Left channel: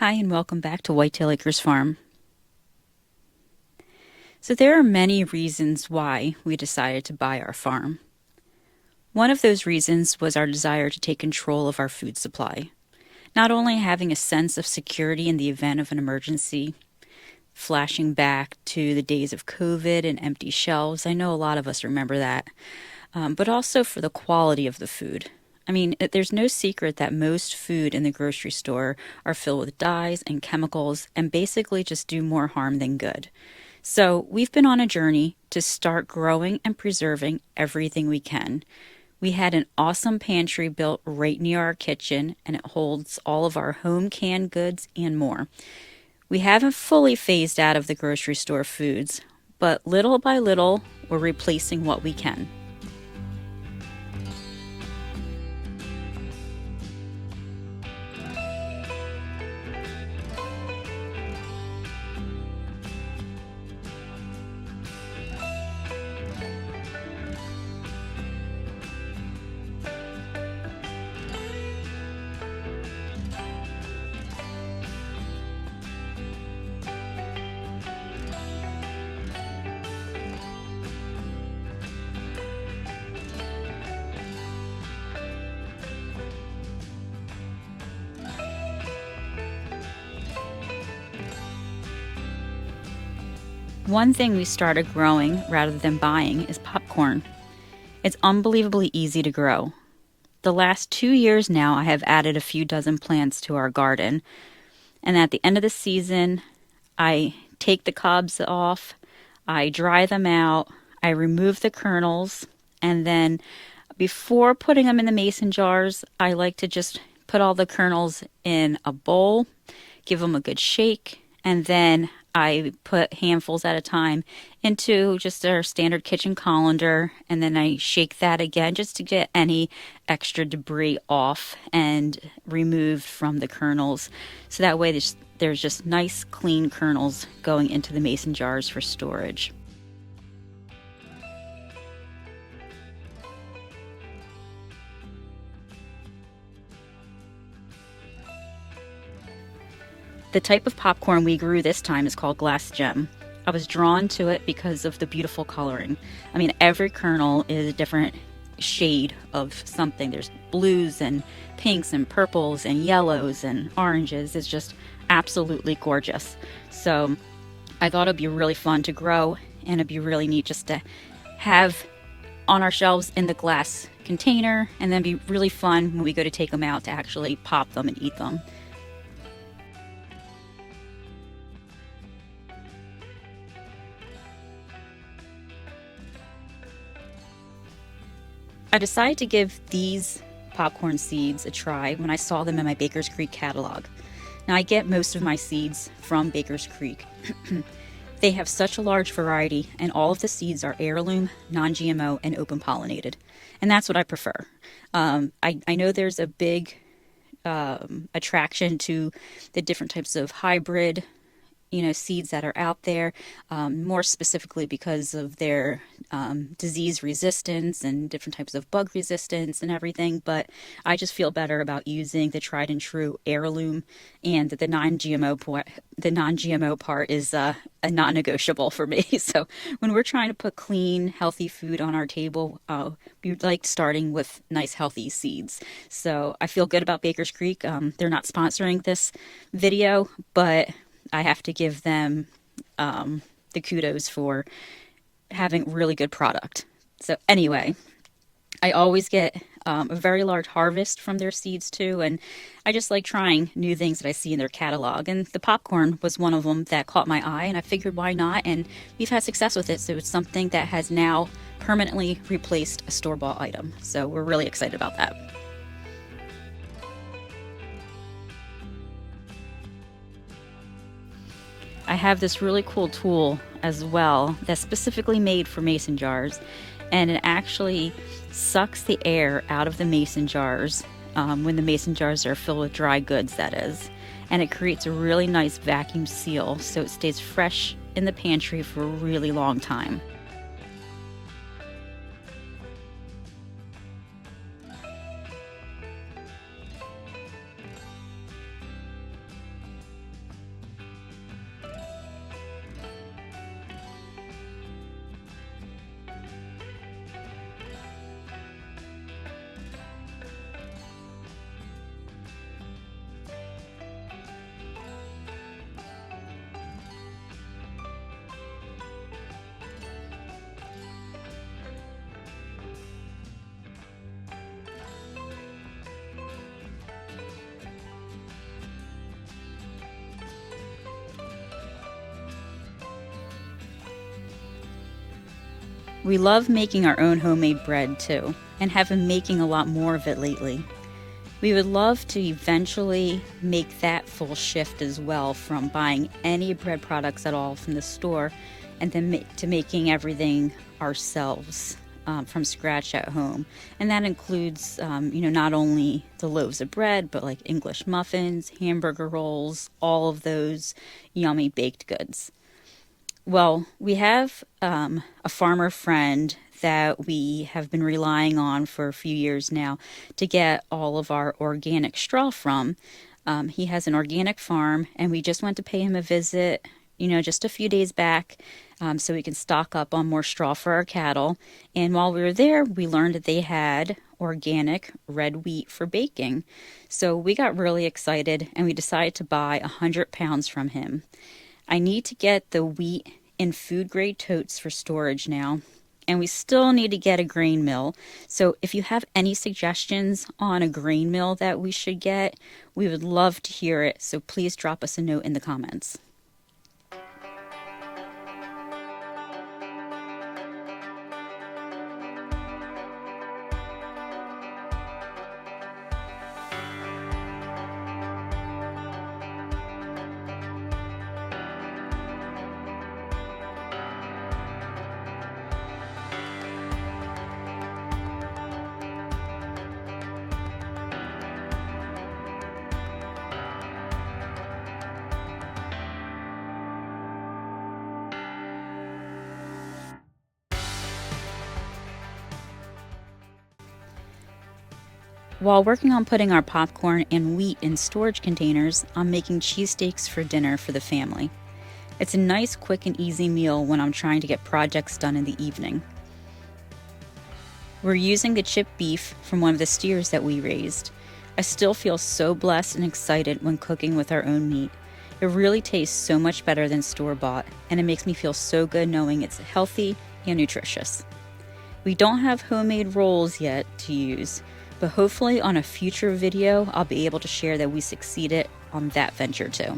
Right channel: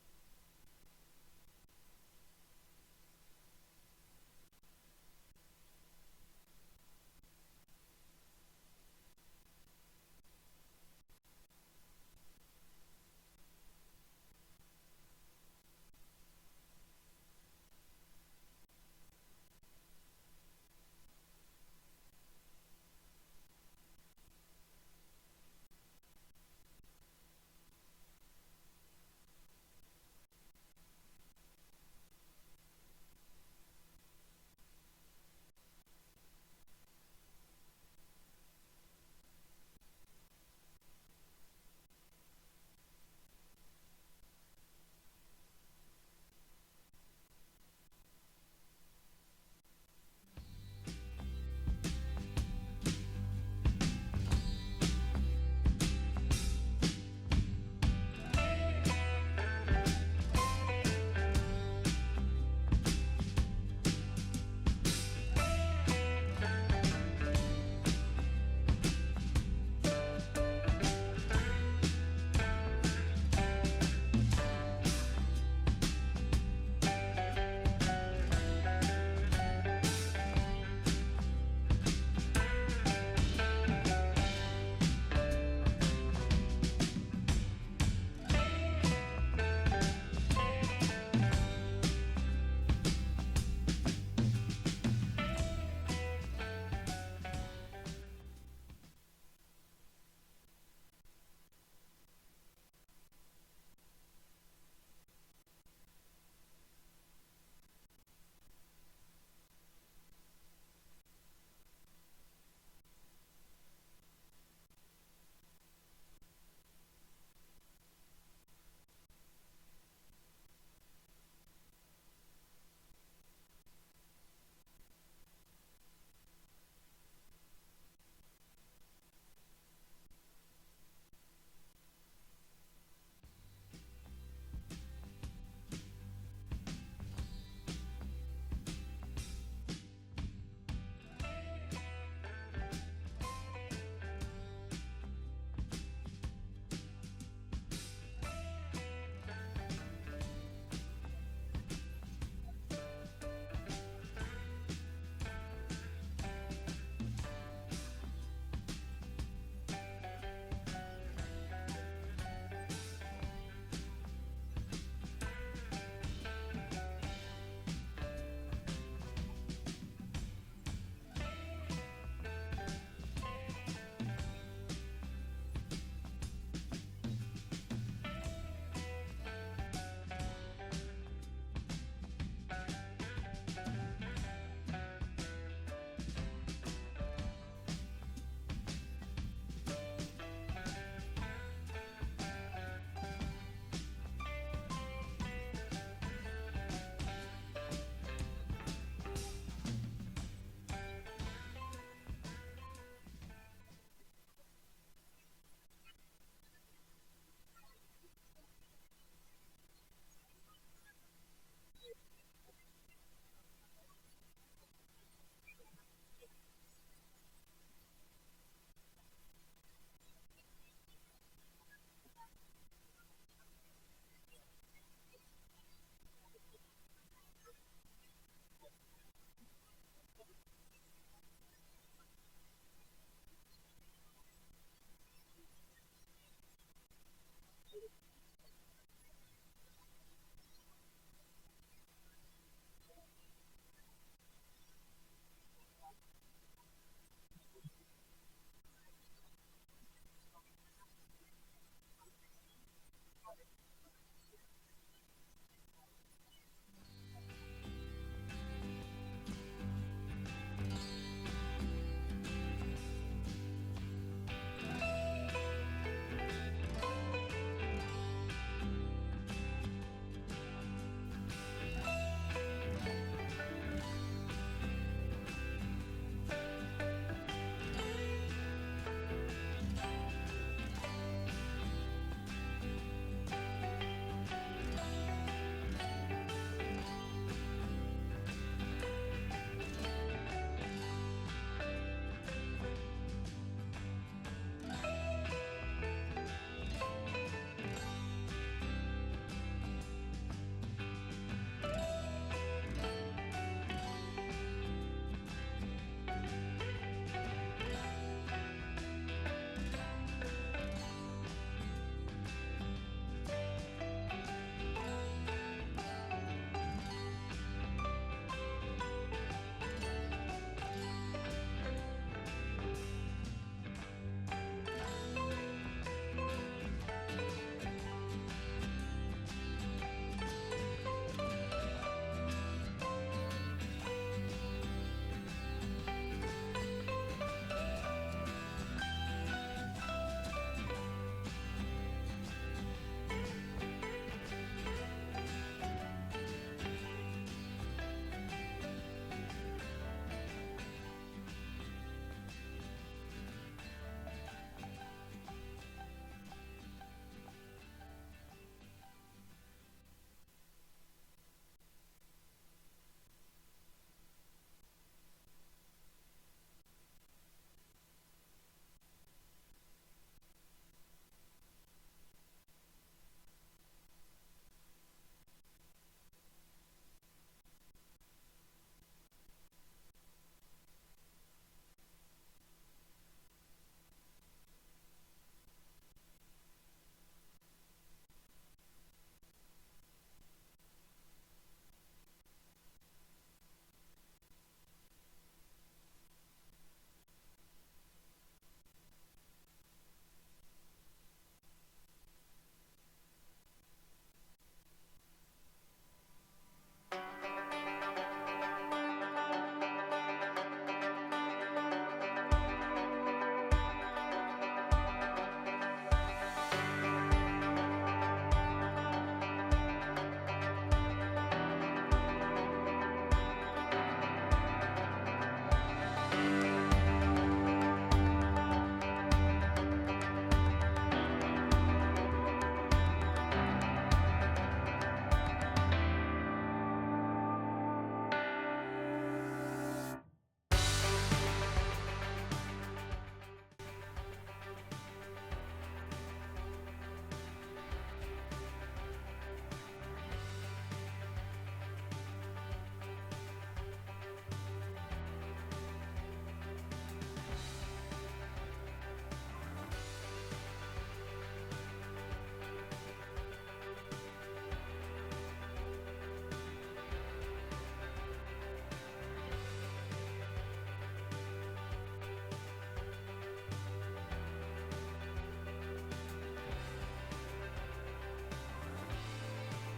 Hi, and welcome back to Whitetail Acres Farm. So, there are many reasons why we decided to buy our farm. One of those reasons was our desire to take control of our food supply. Not only having a sense of security in the event of an emergency, flashing back to the days of COVID and empty shelves, I know a lot of us remember that, but also for the quality of the food. There's no secret that most food in the grocery store are filled with dyes and chemicals and basically just do more harm than good. So, we've been on a journey to start growing and preserving everything we can. We had an awesome pantry built right near our kitchen, and it holds all of our home canned goods and more. We haven't fully phased out of the grocery store foods, but little by little, we're replacing what we can. One thing we started growing rather than buying is popcorn. It's unbelievably easy to grow. The last 2 years now, I have added a few dozen plants to our garden, and at the end of the season, I take the cobs off, I dry them out, I remove the kernels, and then before putting them in the mason jars, I like to just put all the kernels in a bowl, give them a good shake, and then I put handfuls at a time into just our standard kitchen colander, and then I shake that again just to get any extra debris off and removed from the kernels. So that way there's just nice, clean kernels going into the mason jars for storage. The type of popcorn we grew this time is called glass gem. I was drawn to it because of the beautiful coloring. Every kernel is a different shade of something. There's blues and pinks and purples and yellows and oranges. It's just absolutely gorgeous. So I thought it'd be really fun to grow, and it'd be really neat just to have on our shelves in the glass container, and then be really fun when we go to take them out to actually pop them and eat them. I decided to give these popcorn seeds a try when I saw them in my Baker's Creek catalog. Now, I get most of my seeds from Baker's Creek. They have such a large variety, and all of the seeds are heirloom, non GMO, and open pollinated. And that's what I prefer. I know there's a big attraction to the different types of hybrid seeds that are out there, more specifically because of their disease resistance and different types of bug resistance and everything. But I just feel better about using the tried and true heirloom, and the non-GMO part is a non-negotiable for me. So when we're trying to put clean, healthy food on our table, we like starting with nice, healthy seeds. So I feel good about Baker's Creek. They're not sponsoring this video, but I have to give them the kudos for having really good product. So anyway, I always get a very large harvest from their seeds too, and I just like trying new things that I see in their catalog. And the popcorn was one of them that caught my eye, and I figured why not? And we've had success with it, so it's something that has now permanently replaced a store-bought item. So we're really excited about that. I have this really cool tool as well that's specifically made for mason jars, and it actually sucks the air out of the mason jars when the mason jars are filled with dry goods, that is. And it creates a really nice vacuum seal so it stays fresh in the pantry for a really long time. We love making our own homemade bread too, and have been making a lot more of it lately. We would love to eventually make that full shift as well, from buying any bread products at all from the store and then to making everything ourselves from scratch at home. And that includes, not only the loaves of bread, but like English muffins, hamburger rolls, all of those yummy baked goods. Well, we have a farmer friend that we have been relying on for a few years now to get all of our organic straw from. He has an organic farm, and we just went to pay him a visit, just a few days back, so we can stock up on more straw for our cattle. And while we were there, we learned that they had organic red wheat for baking. So we got really excited, and we decided to buy 100 pounds from him. I need to get the wheat in food grade totes for storage now, and we still need to get a grain mill. So if you have any suggestions on a grain mill that we should get, we would love to hear it. So please drop us a note in the comments. While working on putting our popcorn and wheat in storage containers, I'm making cheesesteaks for dinner for the family. It's a nice, quick, and easy meal when I'm trying to get projects done in the evening. We're using the chipped beef from one of the steers that we raised. I still feel so blessed and excited when cooking with our own meat. It really tastes so much better than store-bought, and it makes me feel so good knowing it's healthy and nutritious. We don't have homemade rolls yet to use, but hopefully on a future video, I'll be able to share that we succeeded on that venture too.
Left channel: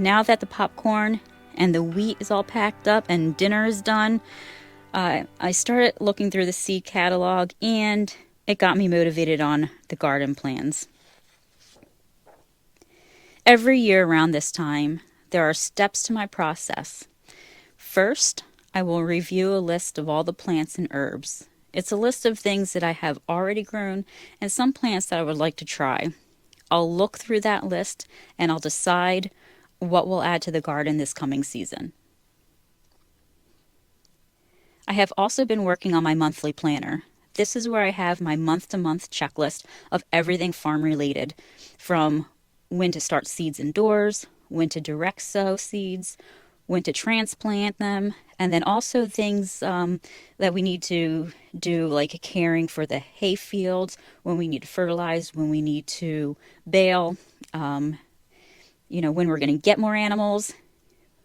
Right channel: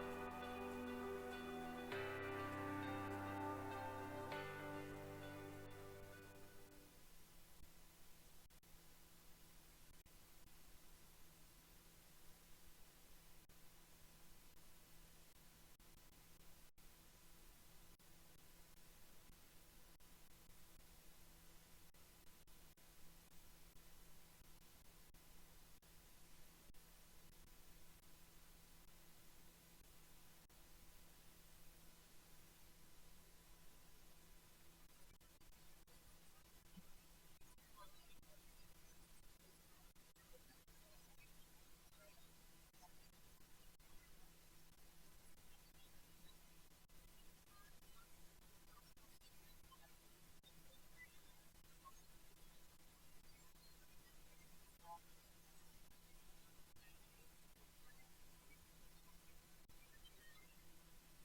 Now that the popcorn and the wheat is all packed up and dinner is done, I started looking through the seed catalog, and it got me motivated on the garden plans. Every year around this time, there are steps to my process. First, I will review a list of all the plants and herbs. It's a list of things that I have already grown and some plants that I would like to try. I'll look through that list and I'll decide what we'll add to the garden this coming season. I have also been working on my monthly planner. This is where I have my month-to-month checklist of everything farm related, from when to start seeds indoors, when to direct sow seeds, when to transplant them, and then also things that we need to do, like caring for the hay fields, when we need to fertilize, when we need to bale, when we're going to get more animals,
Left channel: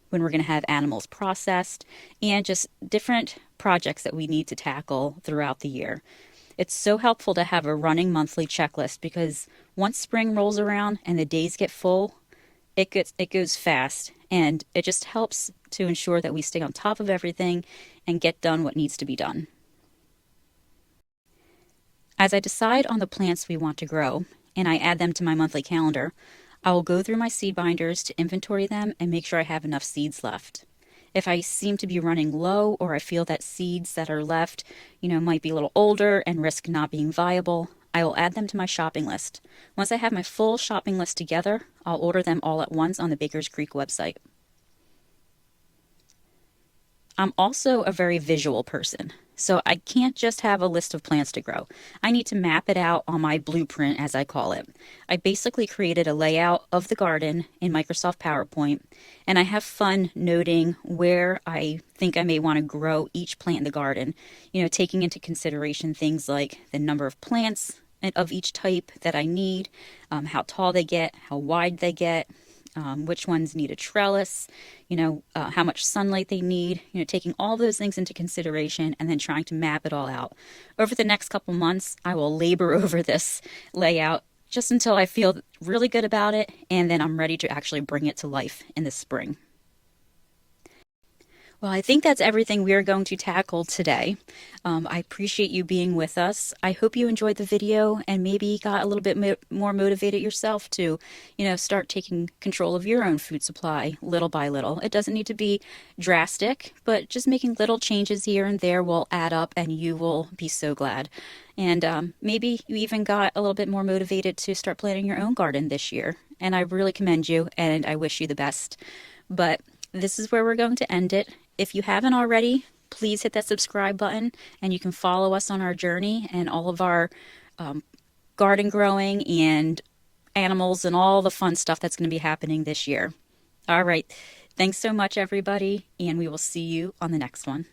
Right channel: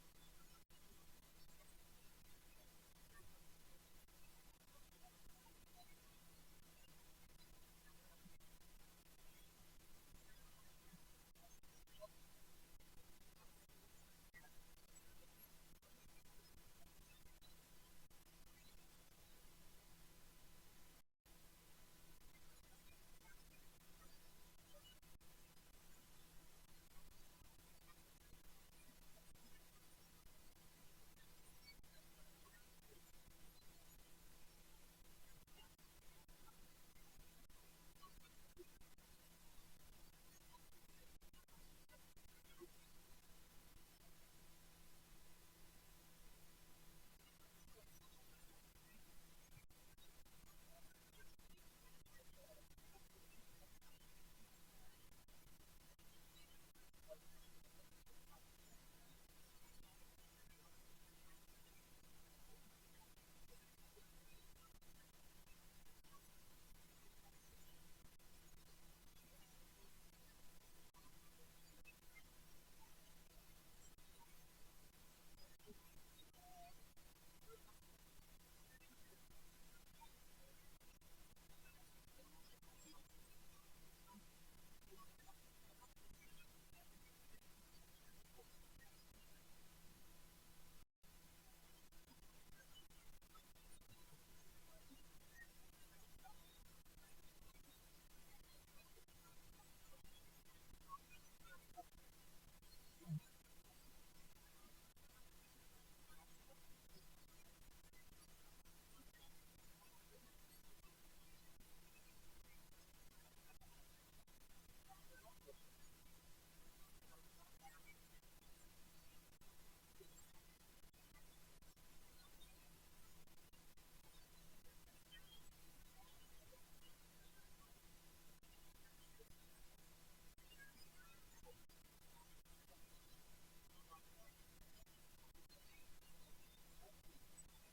when we're going to have animals processed, and just different projects that we need to tackle throughout the year. It's so helpful to have a running monthly checklist, because once spring rolls around and the days get full, it goes fast, and it just helps to ensure that we stay on top of everything and get done what needs to be done. As I decide on the plants we want to grow and I add them to my monthly calendar, I will go through my seed binders to inventory them and make sure I have enough seeds left. If I seem to be running low, or I feel that seeds that are left, might be a little older and risk not being viable, I will add them to my shopping list. Once I have my full shopping list together, I'll order them all at once on the Baker's Creek website. I'm also a very visual person, so I can't just have a list of plants to grow. I need to map it out on my blueprint, as I call it. I basically created a layout of the garden in Microsoft PowerPoint, and I have fun noting where I think I may want to grow each plant in the garden, taking into consideration things like the number of plants of each type that I need, how tall they get, how wide they get, which ones need a trellis, how much sunlight they need, taking all those things into consideration and then trying to map it all out. Over the next couple months, I will labor over this layout just until I feel really good about it, and then I'm ready to actually bring it to life in the spring. Well, I think that's everything we are going to tackle today. I appreciate you being with us. I hope you enjoyed the video and maybe got a little bit more motivated yourself to, start taking control of your own food supply little by little. It doesn't need to be drastic, but just making little changes here and there will add up and you will be so glad. And maybe you even got a little bit more motivated to start planting your own garden this year. And I really commend you and I wish you the best. But this is where we're going to end it. If you haven't already, please hit that subscribe button and you can follow us on our journey and all of our garden growing and animals and all the fun stuff that's going to be happening this year. All right. Thanks so much, everybody, and we will see you on the next one.